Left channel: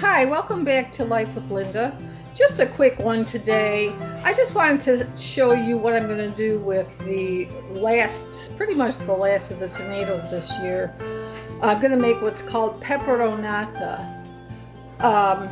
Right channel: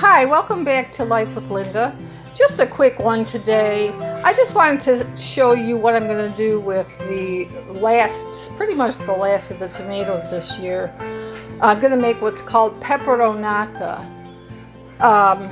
Hi, welcome back to Life with Linda. Just a quick one today. I just wanted to show you what I'm going to do with pretty much the last of the tomatoes this year. I'm going to make what's called Pepperonata.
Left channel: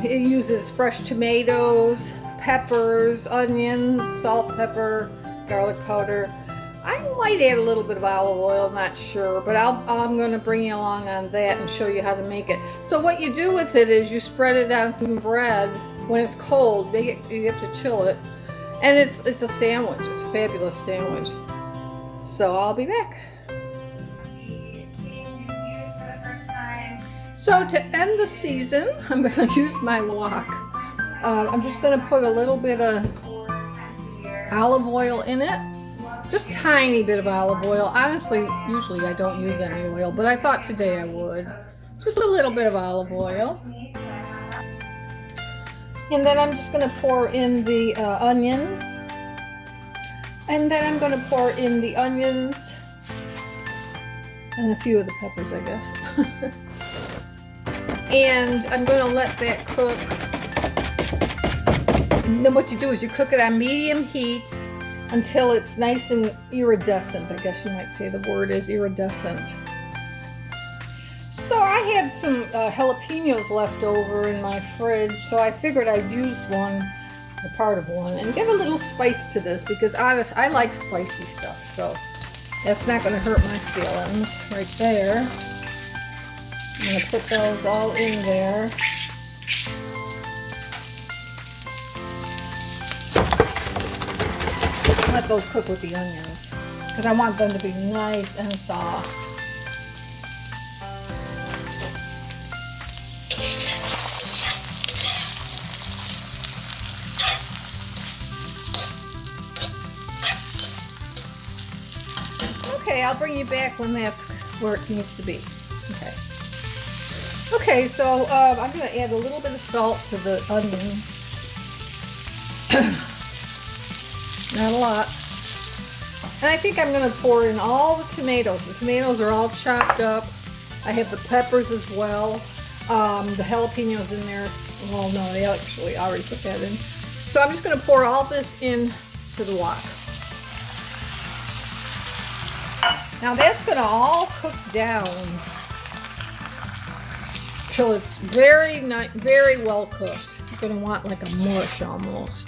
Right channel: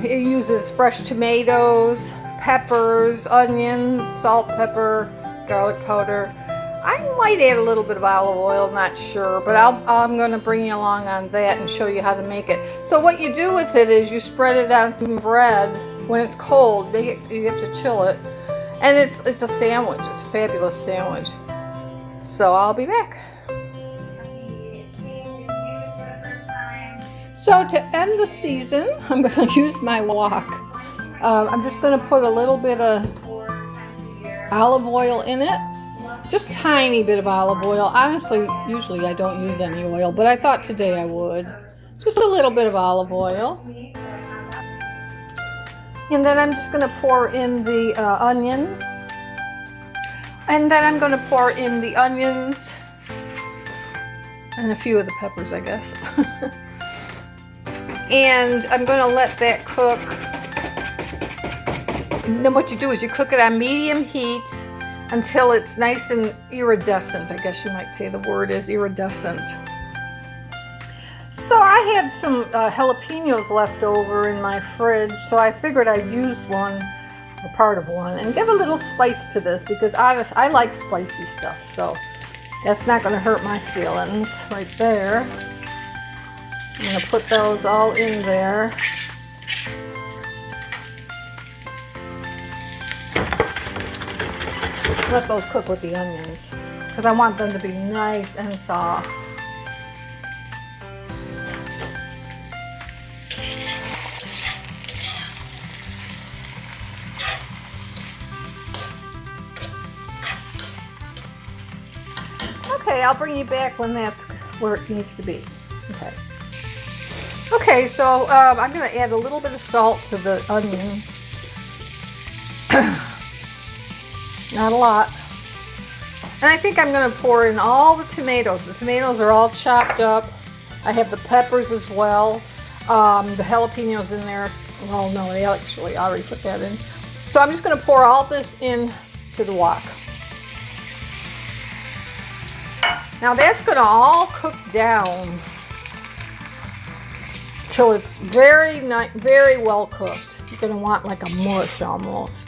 It uses fresh tomatoes, peppers, onions, salt, pepper, garlic powder. I might add a little bit of olive oil, not sure, but I'm going to bring you along on that and show you how to make it. So what you do with it is you spread it on some bread when it's cold. You have to chill it, and it's a sandwich. It's a fabulous sandwich. So I'll be back. So to end the season, I'm going to use my wok. I'm just going to put a little bit of olive oil in it. Just a tiny bit of olive oil. Honestly, usually I don't use any oil, but I thought today I would. Just a little bit of olive oil. And then I'm just going to pour in the onions. And then I'm going to pour in the onions and a few of the peppers, I guess. And I'm going to let that cook. And then what you do is you cook it on medium heat until it's nice and iridescent. I guess you might say the word is iridescent. So I had some jalapenos left over in my fridge, so I figured I'd use one, or part of one, and give a little spice to this because honestly, I like spicy stuff, so that's not going to hurt my feelings right there. I'm going to put those all in there. Let those cook with the onions because I want them to be nice and soft. Okay, I'll bring you back when that's where it needs to be. Okay, so I'm going to add a little bit of salt to the onions. Not a lot. And I think I'm going to pour in all the tomatoes. The tomatoes are all chopped up. I have the peppers as well. The jalapenos in there. Well, no, I actually already put that in. So I'm just going to pour all this in to the wok. Now that's going to all cook down till it's very well cooked. You're going to want like a mush almost.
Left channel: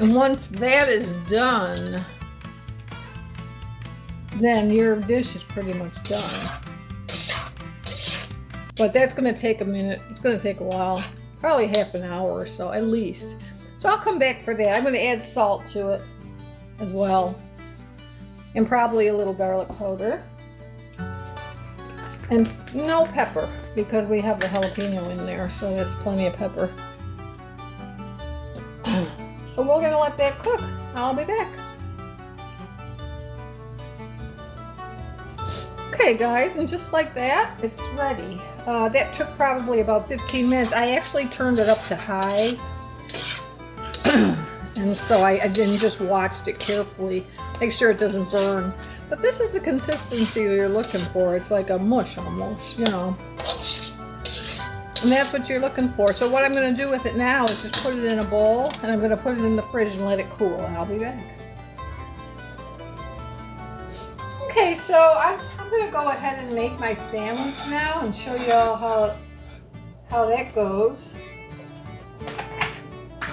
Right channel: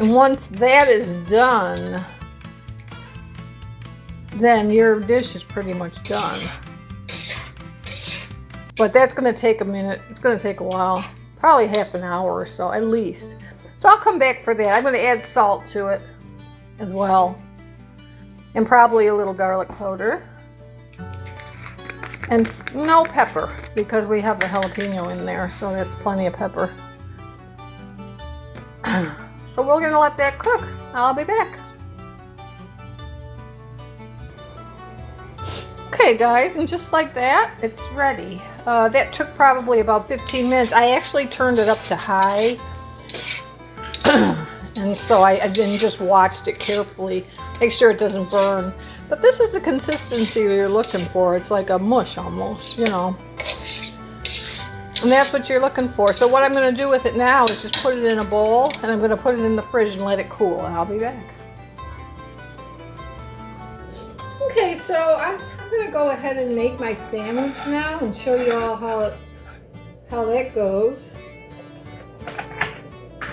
And once that is done, then your dish is pretty much done. But that's going to take a minute. It's going to take a while. Probably half an hour or so at least. So I'll come back for that. I'm going to add salt to it as well. And probably a little garlic powder. And no pepper because we have the jalapeno in there. So there's plenty of pepper. So we're going to let that cook. I'll be back. Okay guys, and just like that, it's ready. That took probably about 15 minutes. I actually turned it up to high. And so I didn't just watched it carefully. Make sure it doesn't burn. But this is the consistency that you're looking for. It's like a mush almost, you know. And that's what you're looking for. So what I'm going to do with it now is just put it in a bowl, and I'm going to put it in the fridge and let it cool, and I'll be back. Okay, so I'm going to go ahead and make my sandwich now and show you all how that goes.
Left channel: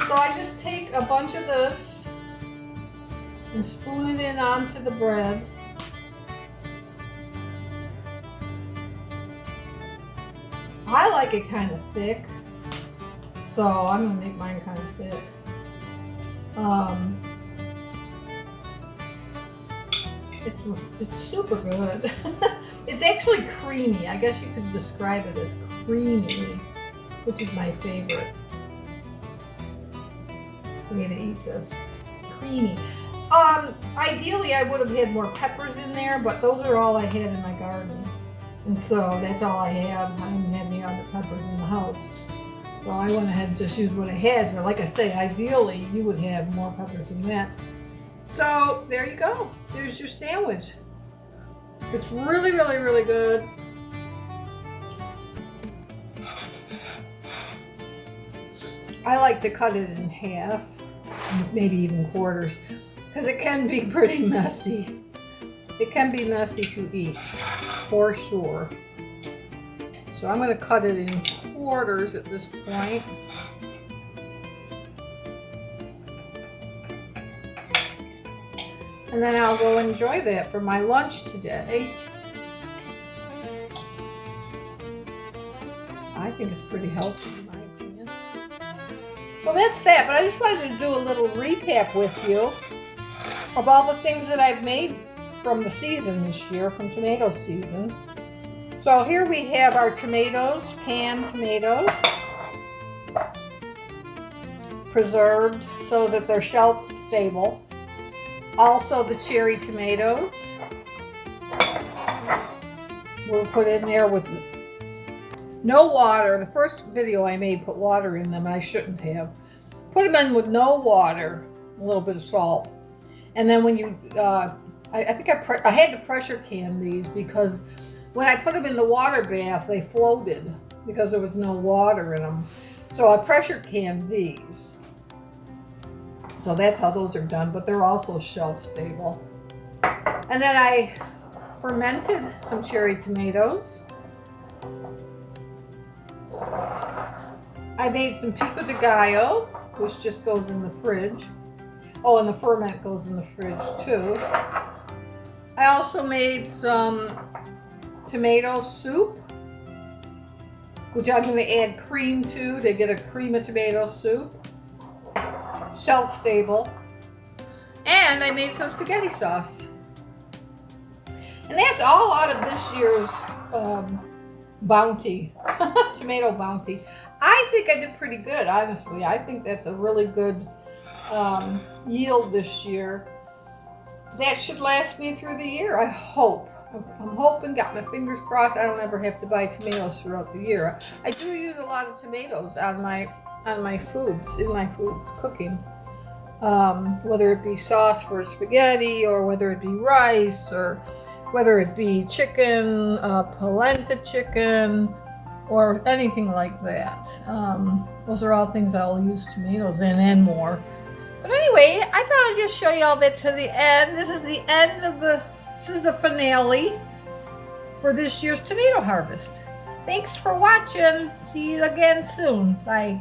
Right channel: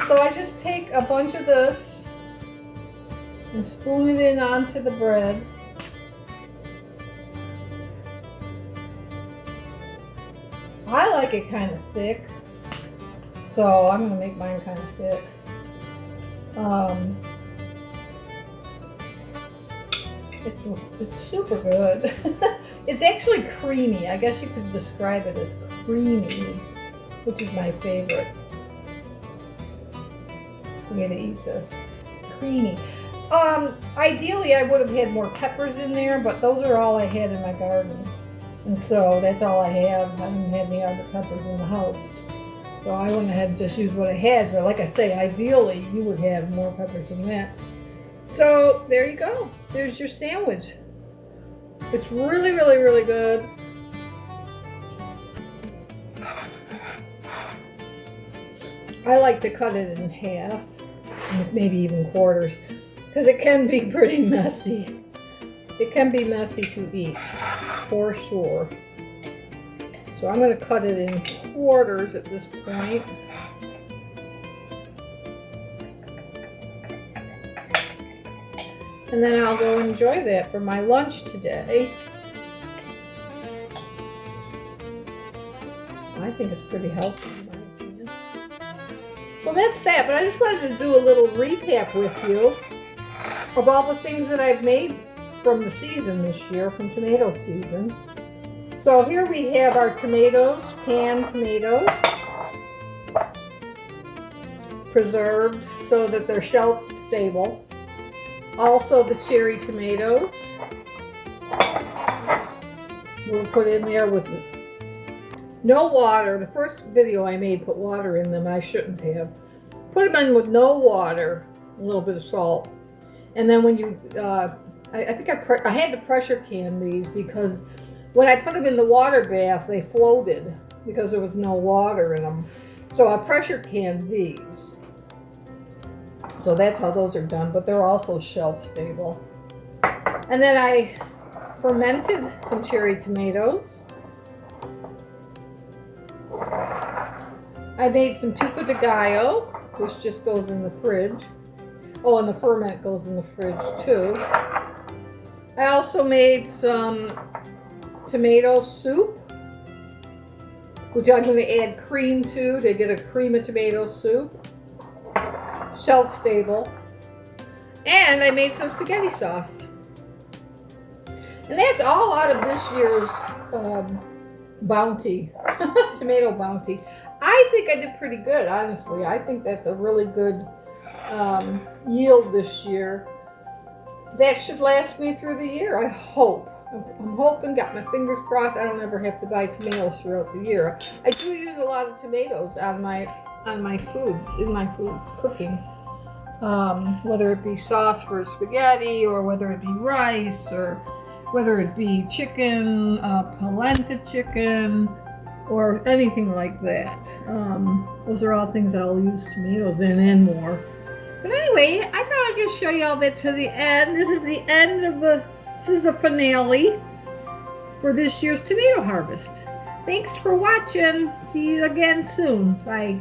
So I just take a bunch of this and spoon it in onto the bread. I like it kind of thick, so I'm going to make mine kind of thick. It's super good. It's actually creamy. I guess you could describe it as creamy, which is my favorite way to eat this. Creamy. Ideally I would have had more peppers in there, but those are all I had in my garden. And so that's all I have. I didn't have any other peppers in the house. So I went ahead and just used what I had. But like I say, ideally you would have more peppers than that. So there you go. There's your sandwich. It's really good. I like to cut it in half, maybe even quarters, because it can be pretty messy. It can be messy to eat, for sure. So I'm going to cut it in quarters at this point. And then I'll go enjoy that for my lunch today. I think it's pretty healthy in my opinion. So that's that, but I just wanted to do a little recap with you of all the things that I've made from the season this year, from tomato season. So here we have our tomatoes, canned tomatoes, preserved so that they're shelf stable. Also the cherry tomatoes were put in there with no water. The first video I made put water in them, and I shouldn't have. Put them in with no water, a little bit of salt. And then when you, I think I had to pressure can these because when I put them in the water bath, they floated because there was no water in them. So I pressure canned these. So that's how those are done, but they're also shelf stable. And then I fermented some cherry tomatoes. I made some pico de gallo, which just goes in the fridge. Oh, and the ferment goes in the fridge too. I also made some tomato soup, which I'm going to add cream to get a cream of tomato soup. Shelf stable. And I made some spaghetti sauce. And that's all out of this year's bounty, tomato bounty. I think I did pretty good, honestly. I think that's a really good yield this year. That should last me through the year, I hope. I'm hoping, got my fingers crossed, I don't ever have to buy tomatoes throughout the year. I do use a lot of tomatoes on my foods, in my foods, cooking. Whether it be sauce for spaghetti, or whether it be rice, or whether it be chicken, polenta chicken, or anything like that. Those are all things I'll use tomatoes in and more. But anyway, I thought I'd just show you all that to the end. This is the end of this is the finale for this year's tomato harvest. Thanks for watching. See you again soon. Bye.